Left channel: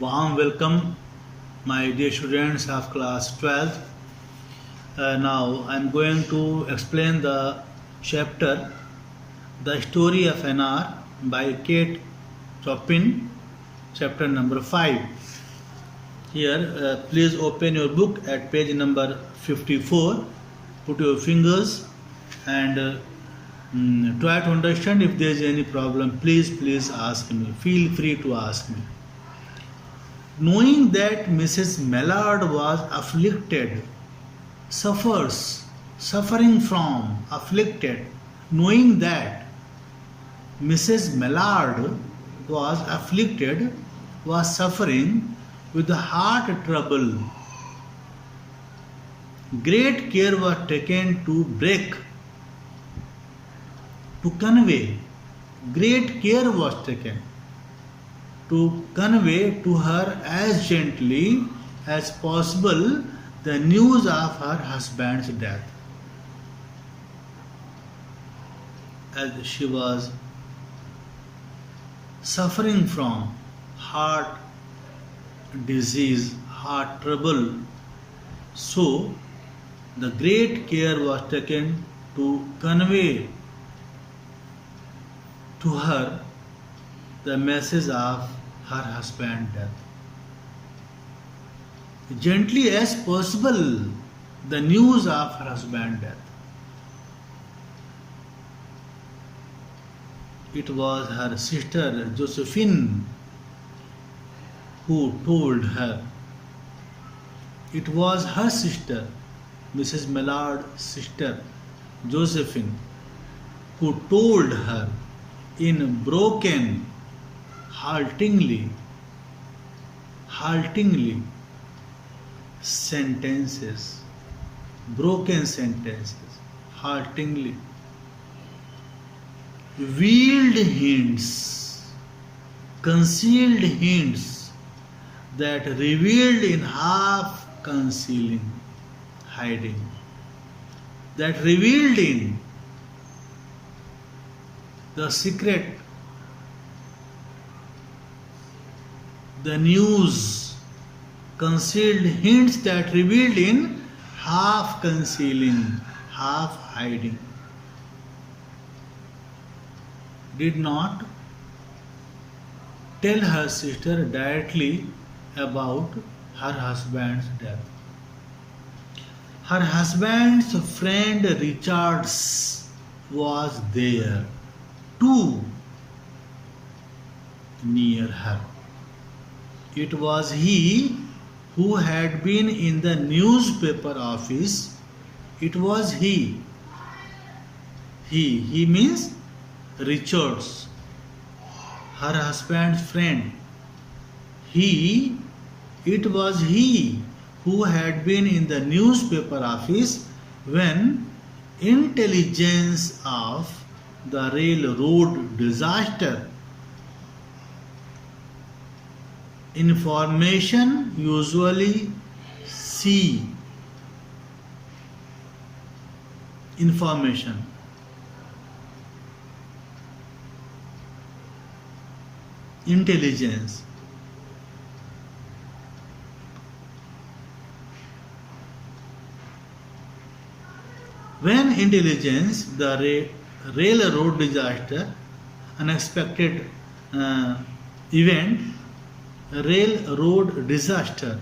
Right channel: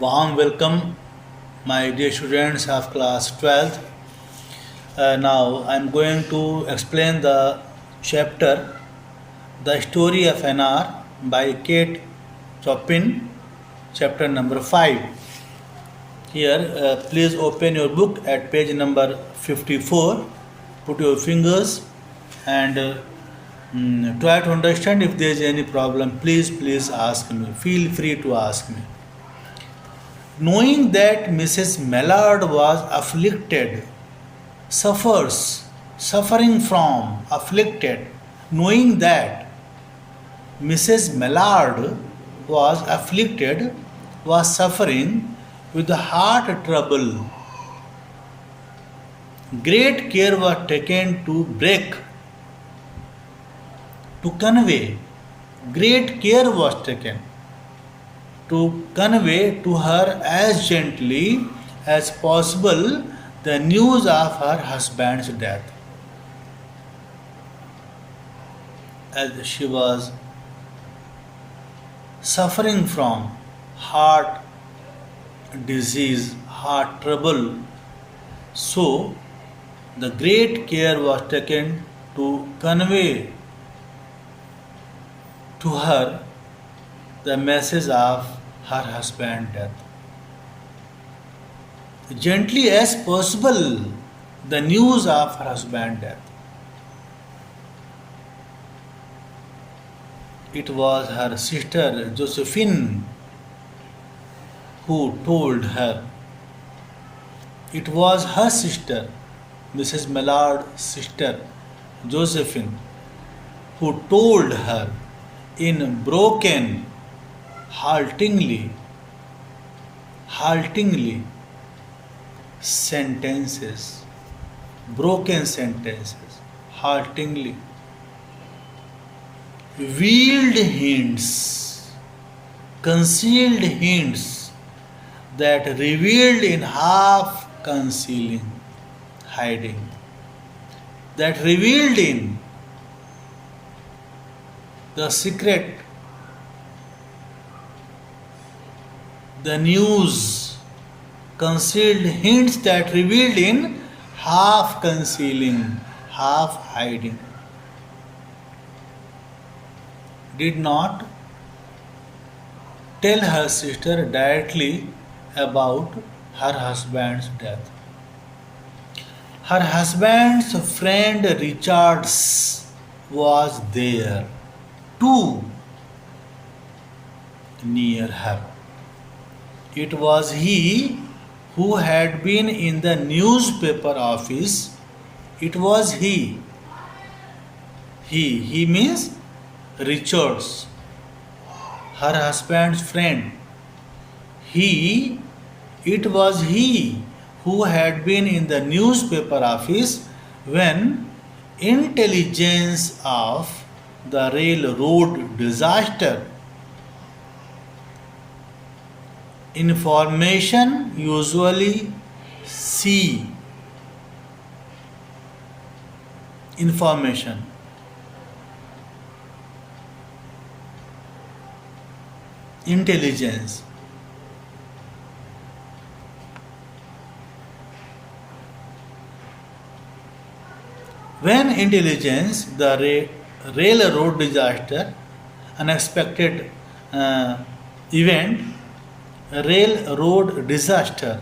Warm welcome, my dear students of class 12th. Now I'm going to explain the chapter The Story of Anar by Kate Chopin, chapter number 5. Here, please open your book at page number 54. Put your fingers and try to understand. If there is any problem. Please ask me. Feel free to ask me. Knowing that Mrs. Mallard was afflicted, suffering from, afflicted, knowing that Mrs. Mallard was afflicted, was suffering with the heart trouble, great care was taken to convey, great care was taken to convey to her as gently as possible the news of her husband's death. As she was suffering from heart disease, heart trouble, so the great care was taken to convey to her the message of her husband's death. Gently as possible, the news of her husband's death. It was her sister Josephine who told her. It was her sister, Mrs. Mallard's sister Josephine, who told her in broken, haltingly sentences, broken sentences, haltingly, veiled hints, concealed hints that revealed in half concealing, hiding, that revealed in the secret, the news, concealed hints that revealed in half concealing, half hiding, did not tell her sister directly about her husband's death. Her husband's friend Richards was there too, near her. It was he who had been in the newspaper office. It was he. He means Richards, her husband's friend. It was he who had been in the newspaper office when intelligence of the railroad disaster, information usually C, information, intelligence, when intelligence, the railroad disaster, unexpected event, railroad disaster,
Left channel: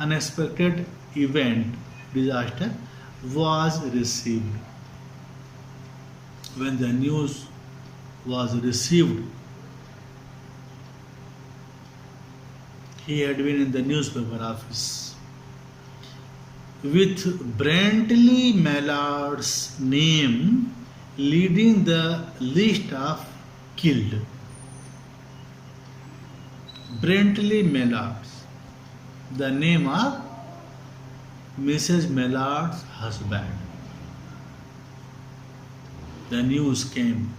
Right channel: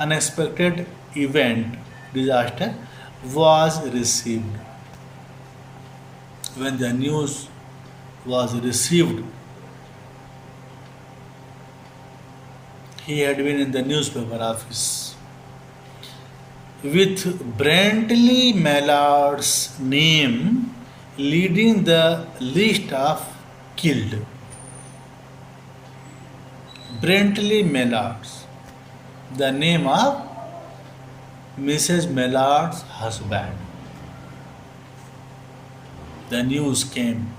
unexpected event, disaster was received. When the news was received, he had been in the newspaper office with Brantley Mallard's name leading the list of killed. Brantley Mallard's, the name of Mrs. Mallard's husband. The news came.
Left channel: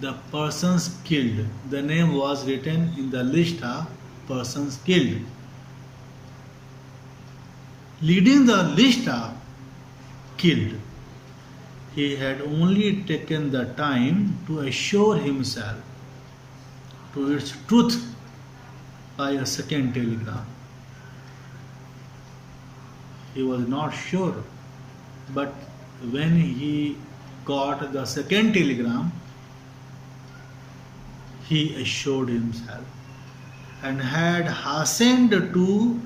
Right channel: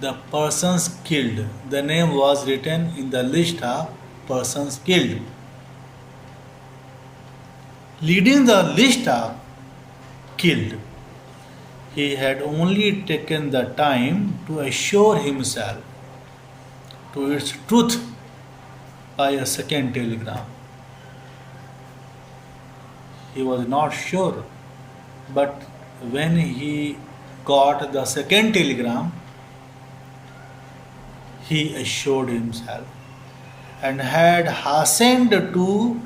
The persons killed. The name was written in the list of persons killed. Leading the list of killed, he had only taken the time to assure himself to its truth by a second telegram. He was not sure, but when he got the second telegram, he assured himself and had hastened to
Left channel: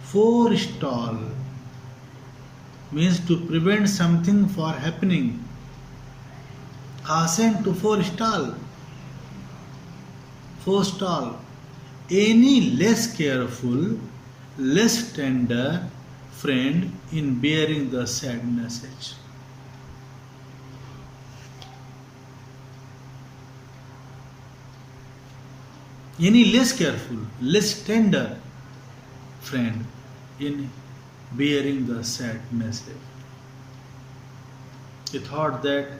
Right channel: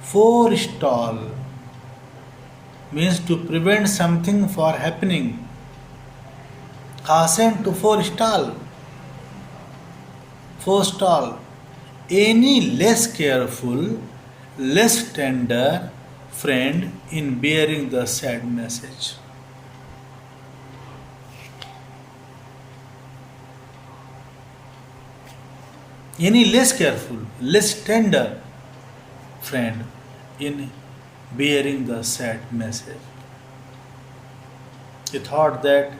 forestall, means to prevent something for happening. Hasten to forestall any less careful, less tender friend in bearing the sad message. Any less careful, less tender friend in bearing the sad message. He thought that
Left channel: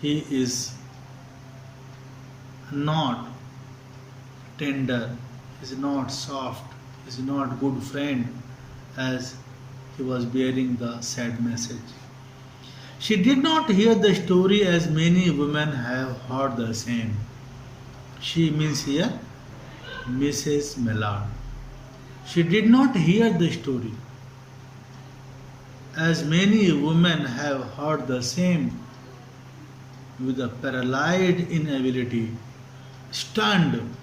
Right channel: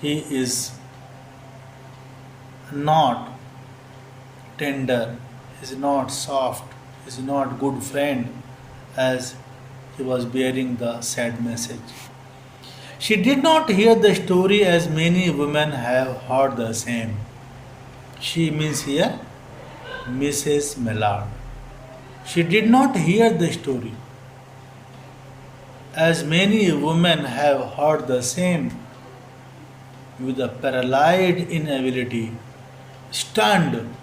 he is not tender, he is not soft, he is not good friend as he was bearing the sad message. She did not hear the story as many women have heard the same. She means here Mrs. Millard. She did not hear the story as many women have heard the same, with a paralyzed inability, stunned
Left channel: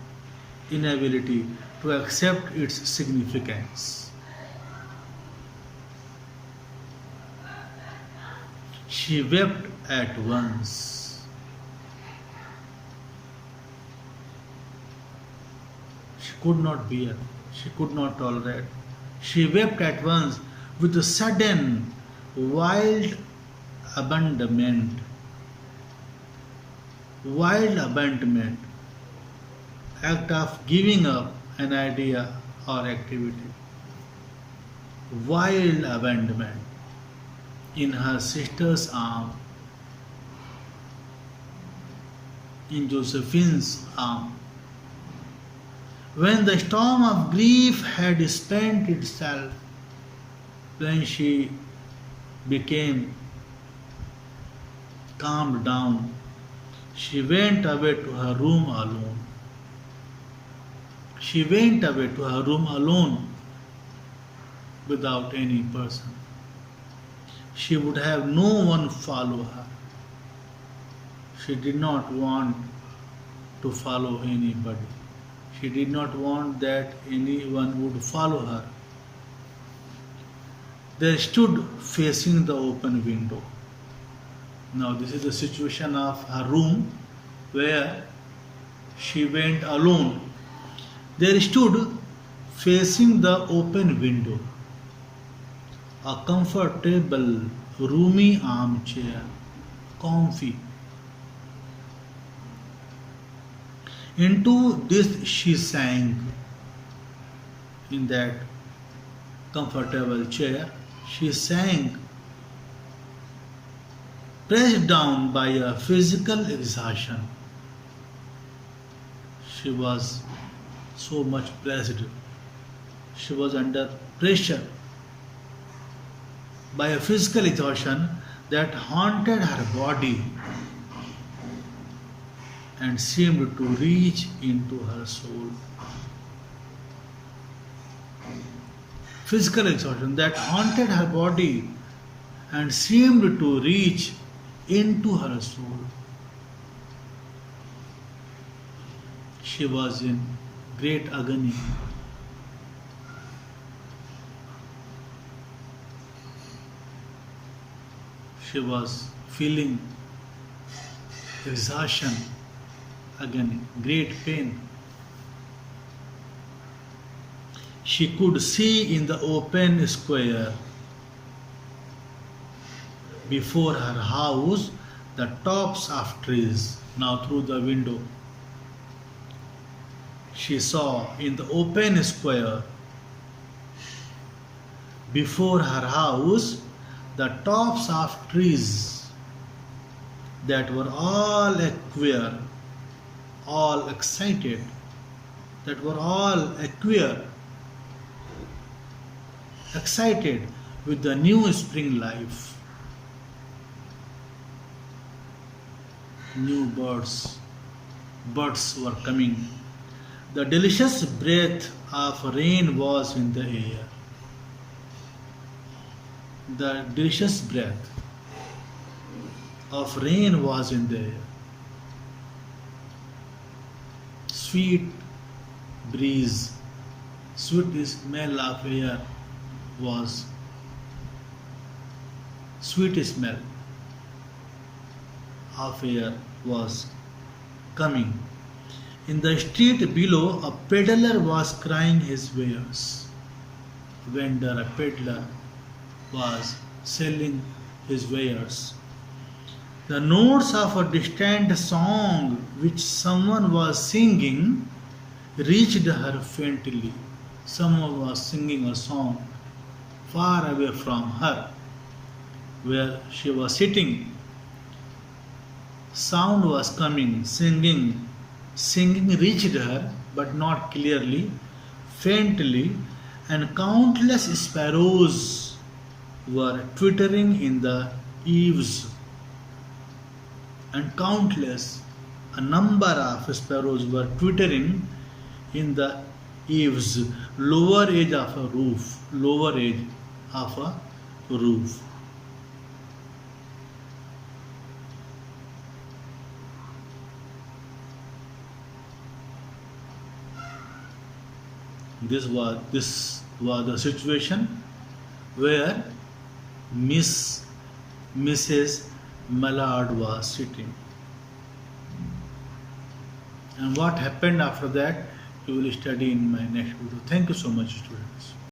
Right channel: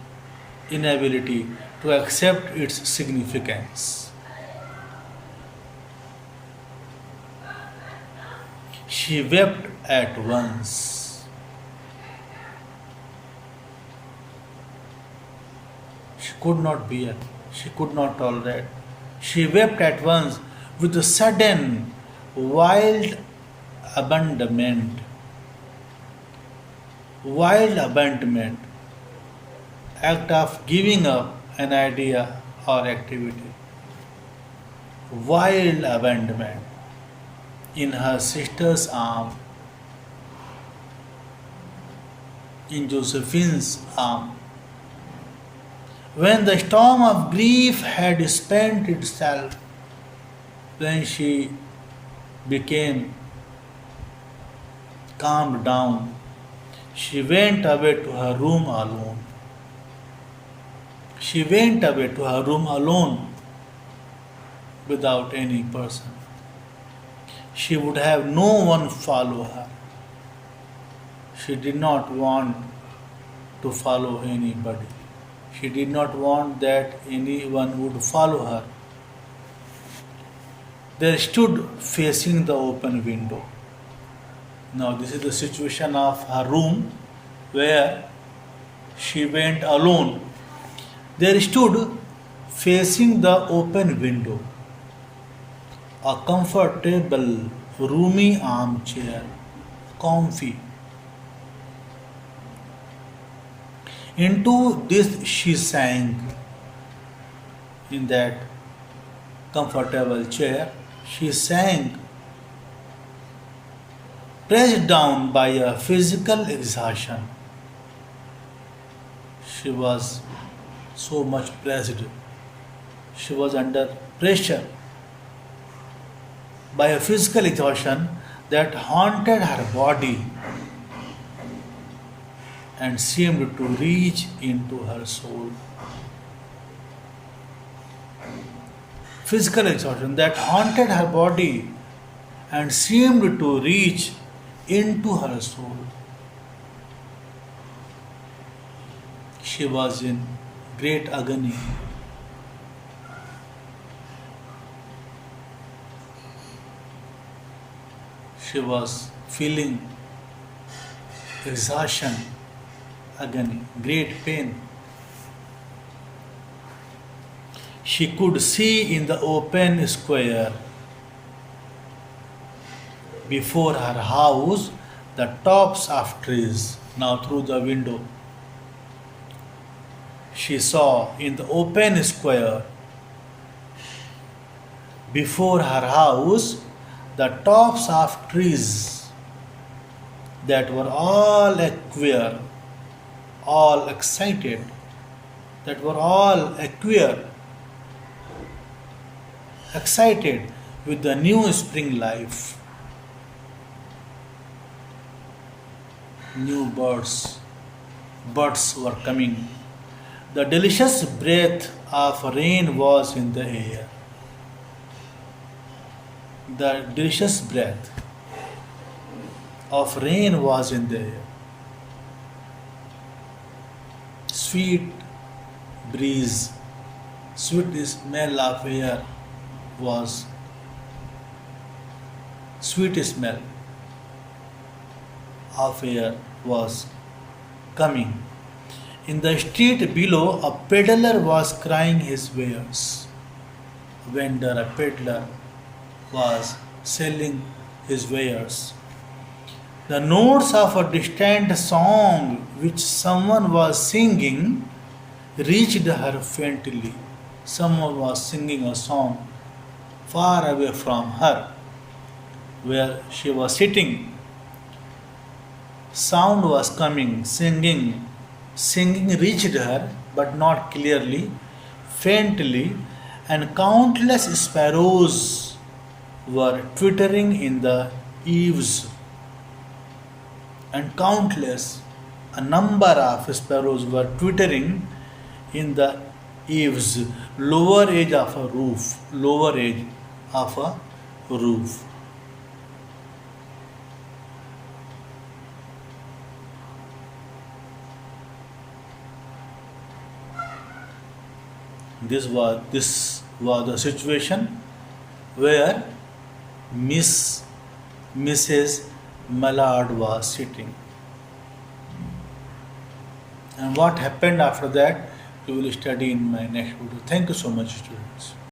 inability to accept its significance. She wept at once. She could not bear, she could not tolerate. She wept at once with a sudden, wild abandonment. Wild abandonment, act of giving up an idea or activity. Wild abandonment in her sister's arm, in Josephine's arm. When the storm of grief had spent itself, when she became calmed down, she went away to her room alone. She went away to her room alone without any person. She would have no one follow her. She did not want to follow anybody. She did not want that anyone would follow her. They stood facing the open window. Now, this is the situation of her room where she went alone. They stood facing the open window. A comfortable, roomy armchair, comfy. Into this she sank. In that comfortable chair, she sank, pressed down by a physical exhaustion. She was so much pressed. She was under pressure by a physical exhaustion that haunted her body and seemed to reach into her soul. Physical exhaustion that haunted her body and seemed to reach into her soul. She was in great agony. She was feeling exhaustion, agony, great pain. She could see in the open square before her house the tops of trees. Now, through the window, she saw in the open square before her house the tops of trees that were all queer, all excited, that were all queer, excited with the new spring life. New birds were coming The delicious breath of rain was in the air. The delicious breath of rain was in the air. Sweet breeze, sweet smell of air was sweet smell of air was coming. In the street below, a peddler was crying his wares. Vendor, a peddler, was selling his wares. The notes of a distant song which someone was singing reached her faintly. Someone was singing a song far away from her, where she was sitting. Sound was coming, singing. Singing reached her, but not clearly, faintly, and countless sparrows were twittering in the eaves. And countless, a number of sparrows were twittering in the eaves, lower edge of a roof, lower edge of a roof. This was the situation where Mrs. Mallard was sitting. And what happened after that, we will study in my next video. Thank you so much, students.